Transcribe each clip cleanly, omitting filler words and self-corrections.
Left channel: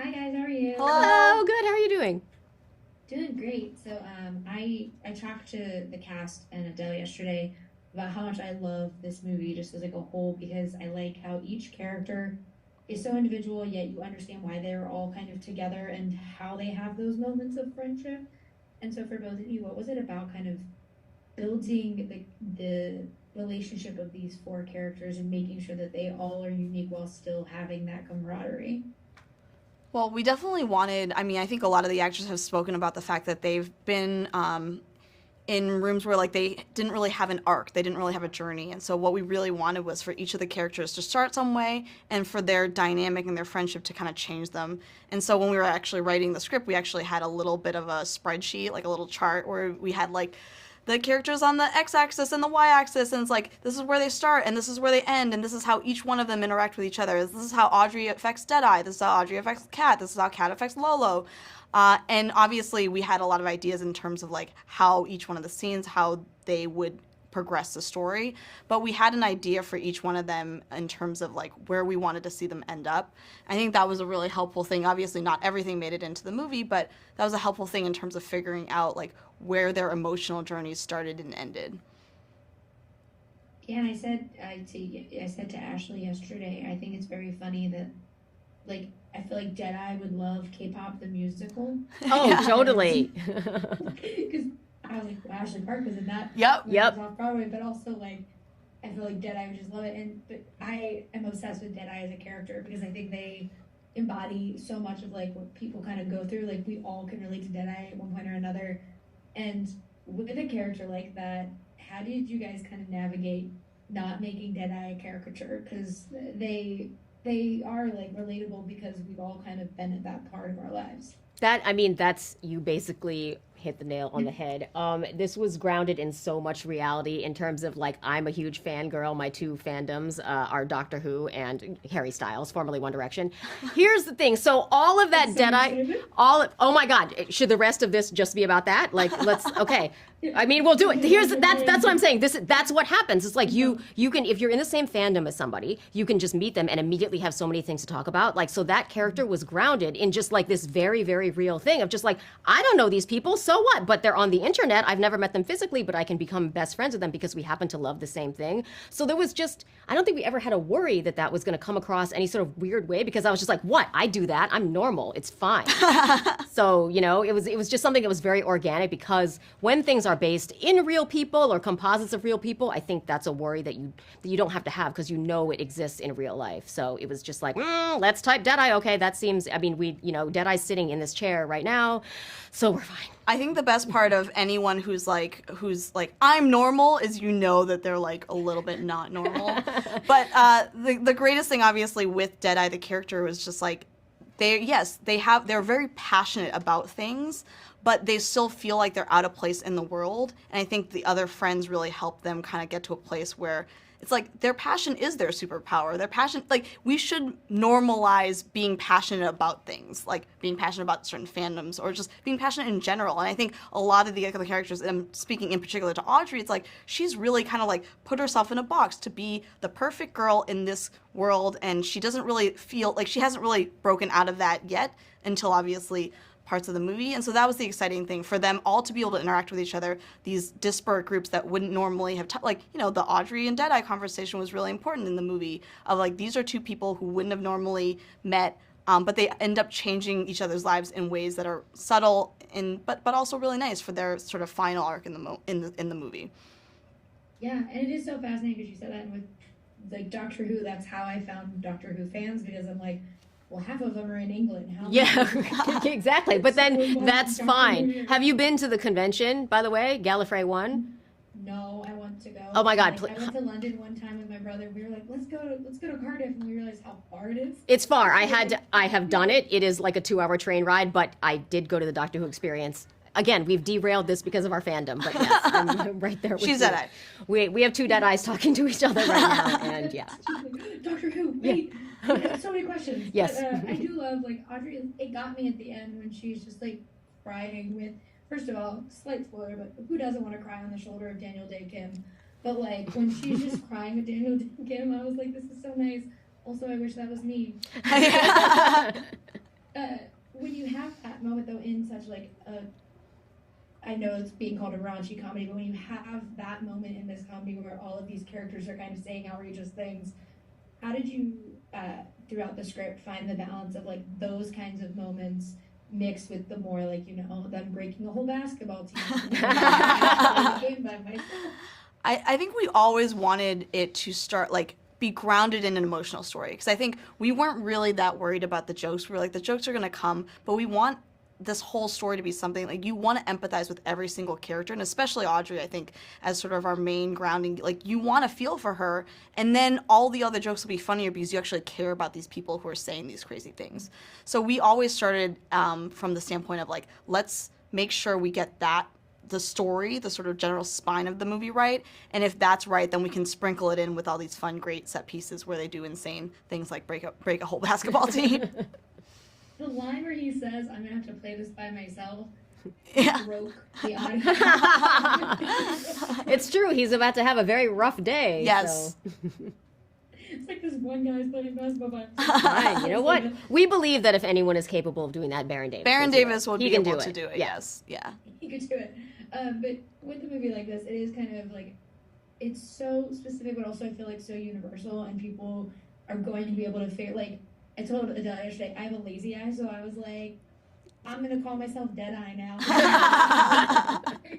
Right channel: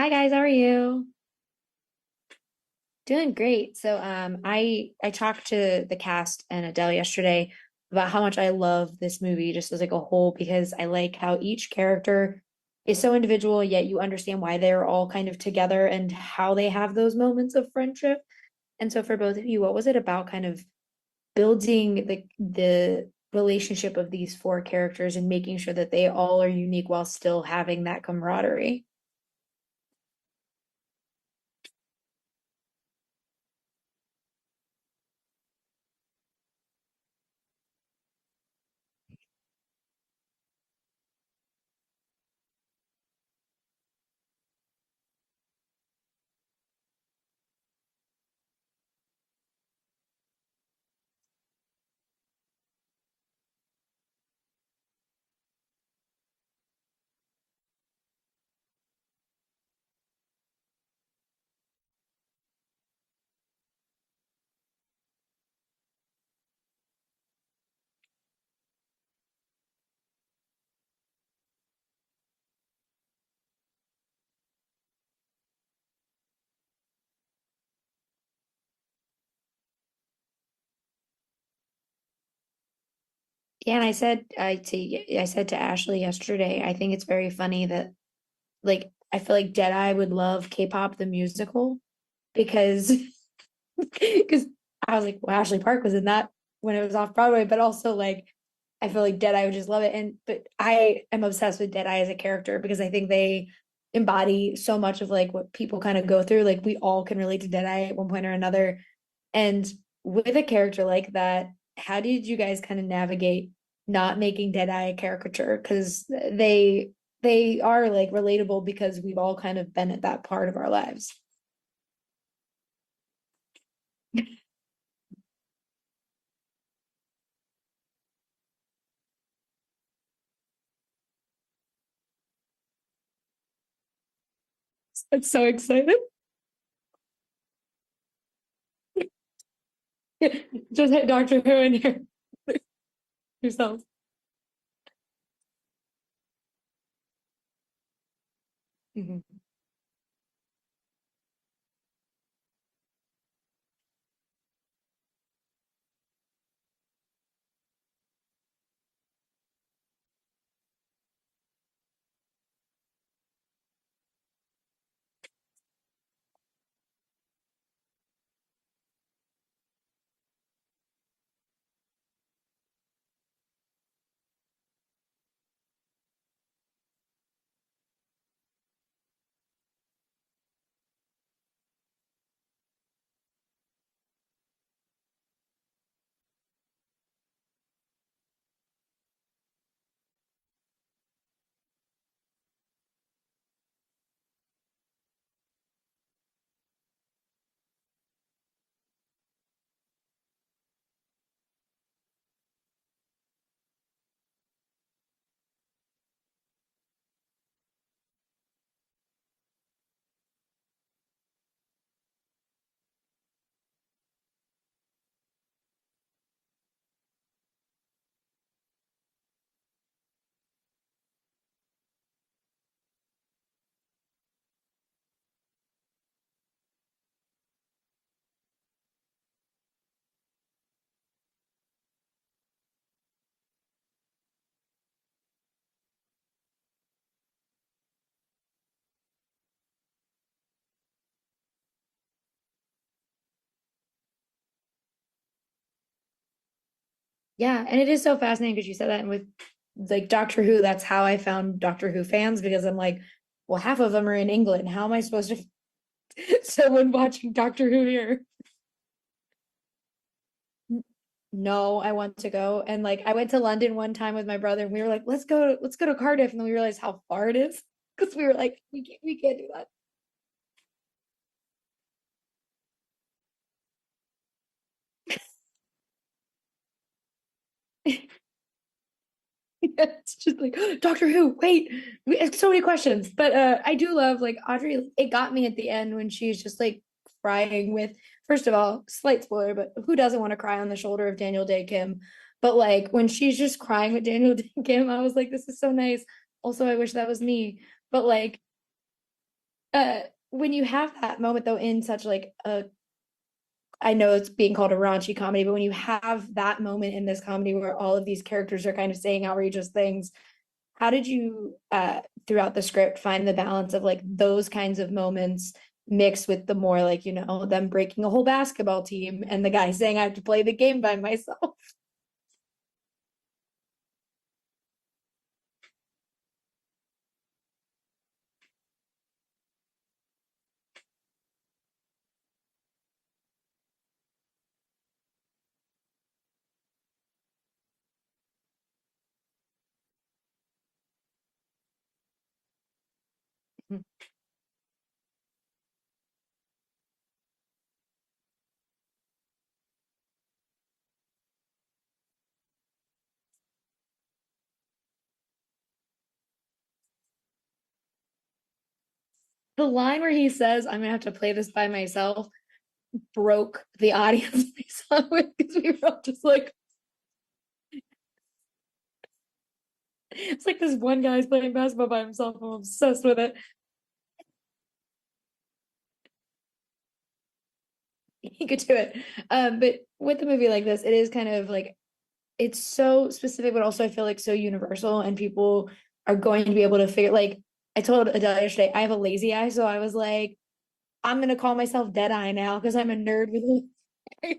Hi guys, how are you? Hello. Hello, good. How are you doing? Doing great. I talked to the cast and Adele yesterday about how much I love this movie just as like a whole because I like how each character is so individual, yet you understand why they're all kind of together and how they have those moments of friendship. And so for both of you, what was it about kind of building the relationship of these four characters and making sure that they all are unique while still having that camaraderie? Well, we definitely wanted, I mean, I think a lot of the actors have spoken about the fact that they've been in rooms where like they didn't really have an arc, they didn't really have a journey. And so what we really wanted was for each of the characters to start some way and for their dynamic and their friendship to kind of change them. And so when we were actually writing the script, we actually had a little bit of a spreadsheet, like a little chart where we had like the characters on the x-axis and the y-axis, and it's like this is where they start and this is where they end, and this is how each one of them interact with each other. This is how Audrey affects Deadeye, this is how Audrey affects Kat, this is how Kat affects Lolo. And obviously we had a lot of ideas in terms of like how each one of the scenes, how they would progress the story, but we had an idea for each one of them in terms of like where we wanted to see them end up. I think that was a really helpful thing. Obviously not everything made it into the movie, but that was a helpful thing in terms of figuring out like where their emotional journeys started and ended. Yeah, and I said to Ashley yesterday, I think it's very funny that like I feel like Deadeye would love K-pop the musical Oh, Yeah. because totally. because I was like, well, Ashley Park was in that Yep. when it was Yep. off Broadway, but also like I feel like Deadeye would just love it. And but I am obsessed with Deadeye as a character because I think they embody so much of like what people kind of go through. Like we all can relate to Deadeye at one point or another. And with a character like that, how did you guys kind of navigate not making Deadeye a caricature? Because they are like relatable because we've all kind of been at that part of our lives. That's you basically hit the nail on the head. This was grounded in so much reality in terms of like I'm a huge fangirl. My two fandoms are Doctor Who and Harry Styles, formerly One Direction. Here's the thing. So all of I'm that so Deadeye, excited. oh my God, should the rest of this just be about that? Like, let's, okay. I mean, we'll do Just it. hit Doctor Who That's and what I'm saying. That's what happens. It's like yourself. you can, if you're in the same fandom as somebody, you can just meet them and immediately have so many things to talk about. Like, so that character was grounded in just like this very, very real thing of just like, I don't know these people, so what? But they're on the internet. I've never met them physically, but I can become best friends with them because we happen to love the same thing. So there was just, I don't think we ever had a worry that that was going to come across any sort of weird way because I was just like, what? I do that. I'm normal. It's fine. So, it was just something that was very organic because when things are based in real people or composites of real people, I think that's a worry that you don't have to have because you know it exists in real life. So it was just like, let's type Deadeye. Okay, that seems. I mean, Deadeye's sitting in this chair right now, so we're fine. I think the best part of anyone who's like I'm normal is that they're like a little bit not normal. But the greatest thing obviously with Deadeye the character was just like they're very passionate about things, but they still feel like they're out of place in the world. And I think the other friends really help them kind of get to a place where it's like their passion is their superpower. Their passion, like we should normalize being passionate about things, like being passionate about certain fandoms or just being passionate in general. And I think a lot of the other characters, and I'm speaking in particular to Audrey, it's like she's really kind of like put herself in a box to be the perfect girl in this world, and she doesn't really feel like she hasn't really broken out of that yet until obviously parts of the movie. And so that was the exciting thing for them all to be able to interact with each other, these disparate groups that wouldn't normally have the Audrey and Deadeye conversation was really important in the movie of like these are two people who wouldn't have normally met, but they end up changing each other's lives in ways that are subtle and but also really nice for their sort of final arc in the movie. Yeah, and it is so fascinating because you said that and with like Doctor Who, that's how I found Doctor Who fans because I'm like, well, half of them are in England. How am I Yeah, supposed to exactly. But someone then watching that's Doctor Who fine. here? Have you been to the convention, by the way, Gallifrey One? No, I want to go. Oh my And God, like I went to London one time with my brother and we were like, let's go to Cardiff. And then we realized how far it is. it's far. Because we were like, I have we done go it. to It that. is like a 2 hour train ride, but I did go to the Doctor Who experience. Again, we've derailed this because of our fandom, but yes, I'm right there with She's you. Deadeye. We have two dead eyes talking to each other right now, and yeah, It's just like Doctor Who, yeah, wait. It's so many questions. But yes, I do love like Audrey, it got me at the end when she's just like crying with first of all, slight spoiler, but who doesn't want to cry on the shoulder of Daniel Day Kim? But like when she's just crying with Daniel Day Kim, I was like, this is so nice. Also, I wish that was me. But like when you have that moment though in such like a, I know it's being called a raunchy comedy, but when you have that moment in this comedy where all of these characters are kind of saying outrageous things, how did you throughout the script find the balance of like those kinds of moments mixed with the more like, you know, them breaking a whole basketball team and the guy saying I have to play the game by myself? I think we always wanted it to start like be grounded in an emotional story because I think we weren't really that worried about the jokes. We were like, the jokes are gonna come, but we want this whole story to be something like you want to empathize with every single character, and especially Audrey, I think, as sort of our main grounding. Like you want to feel for her, and then all the other jokes will be funnier because you actually care about these people who are saying these crazy things. So we always started from the standpoint of like, let's make sure we get that the story, the sort of general spine of the movie right, and if that's right, then we can sprinkle it in with all these fun, great set pieces where they do insane things like break a whole basketball team. The line where he says, I'm gonna have to play this by myself, Yeah. broke the audience. It's true. He's about to have a very rough day. Yes. So. It's like this one guy's playing basketball by himself. Fine, So you know sorta- what? We believe that if anyone is capable of doing that, Baron Davis. Baron can do Davis it. would He be can able do to it. do it. Yeah. Yes. Yeah. He could do it. But with a movie like this, it is kind of like it's so specific, but also I feel like so universal, and people are going to be able to figure. Like I told Adele yesterday, I have a lazy eye, so I was like, I'm gonna call myself Dead Eye now. 'Cause I'm a nerd.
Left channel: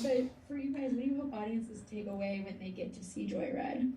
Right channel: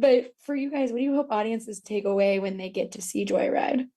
But for you guys, what do you hope audiences take away when they get to see Joyride?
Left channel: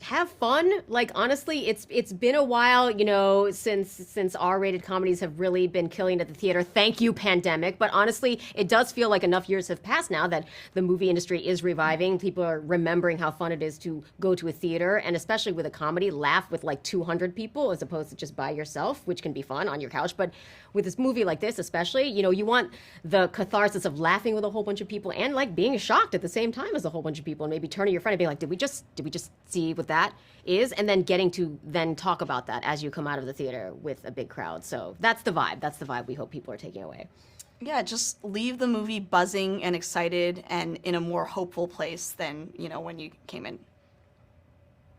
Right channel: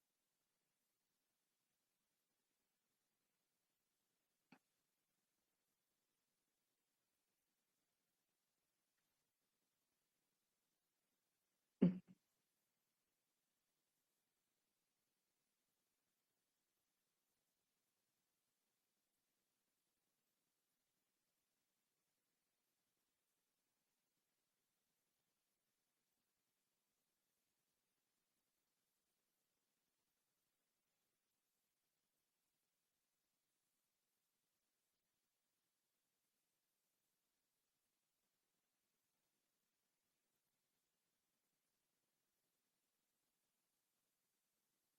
Have fun. Like honestly, it's been a while, you know, since R-rated comedies have really been killing at the theater. Thank you, pandemic. But honestly, it does feel like enough years have passed now that the movie industry is reviving. People are remembering how fun it is to go to a theater, and especially with a comedy, laugh with like 200 people as opposed to just by yourself, which can be fun on your couch. But with this movie like this, especially, you know, you want the catharsis of laughing with a whole bunch of people and like being shocked at the same time as a whole bunch of people, and maybe turning your friend and being like, did we just see what that is, and then getting to then talk about that as you come out of the theater with a big crowd. So that's the vibe we hope people are taking away. Yeah, just leave the movie buzzing and excited and in a more hopeful place than, you know, when you came in.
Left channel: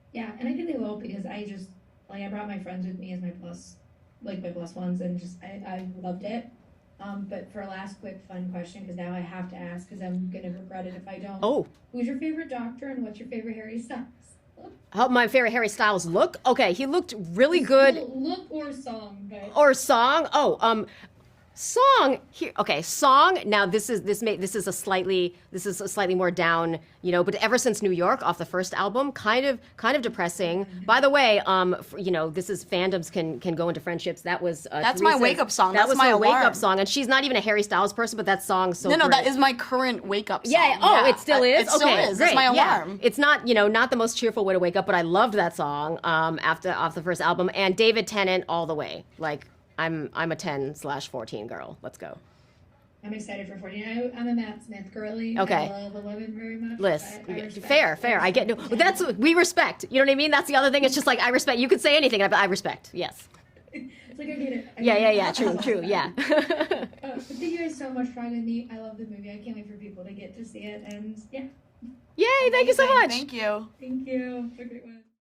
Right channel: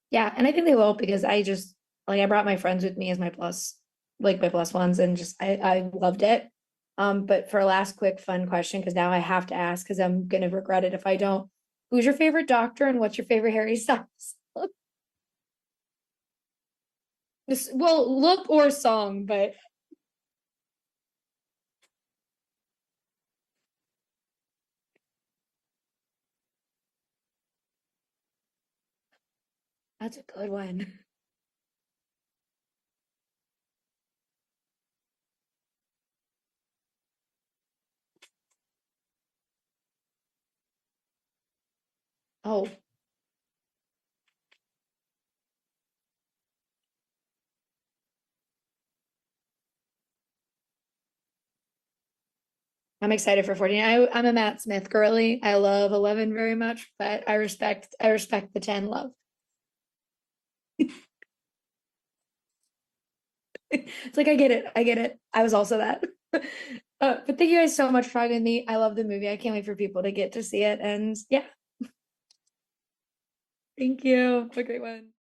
Yeah, and I think they will because I just like I brought my friends with me as my plus, like my plus ones, and just I loved it. But for a last quick fun question, because now I have to ask because I'm gonna regret it if I don't. Oh, Who's your favorite Doctor and what's your favorite Harry Styles? my favorite Harry Styles look. Okay, he looked really good. Well, look or song, but Or song. Oh, song here. Okay, song. Now this is a slightly more down, you know. But Ever Since New York off the first album, kind of depressing. one. By the way, you know, this is fandoms can go into friendships. That was That's my Teresa's- wake-up song. That That's was my her wake alarm. up song, and she's not even a Harry Styles person, but that song's so No, great. that is my current wake-up song. Yeah. Oh, it still is. It still Okay, is. great. It's my Yeah. alarm. It's not, you know, not the most cheerful way to wake up, but I loved that song. Off the first album, and David Tennant all the way. Like I'm a 10/14 girl. Let's go. I'm excited for 14. I'm a Matt Smith girly. I Okay. love 11 very much, Liz, but I respect. fair. I get the 10 that's love. we respect. You know what I mean? That's the other thing. It's just like I respect. You could say anything, but I respect. Yes. It's like I get it. I get it. Yeah. I was True, also true, that. yeah. But thank you guys so much for having me. I love the movie. I can't wait for people to get to see it. And yeah, Yay! Thank you so Amazing. much. Thank you. thank you. Have a great one.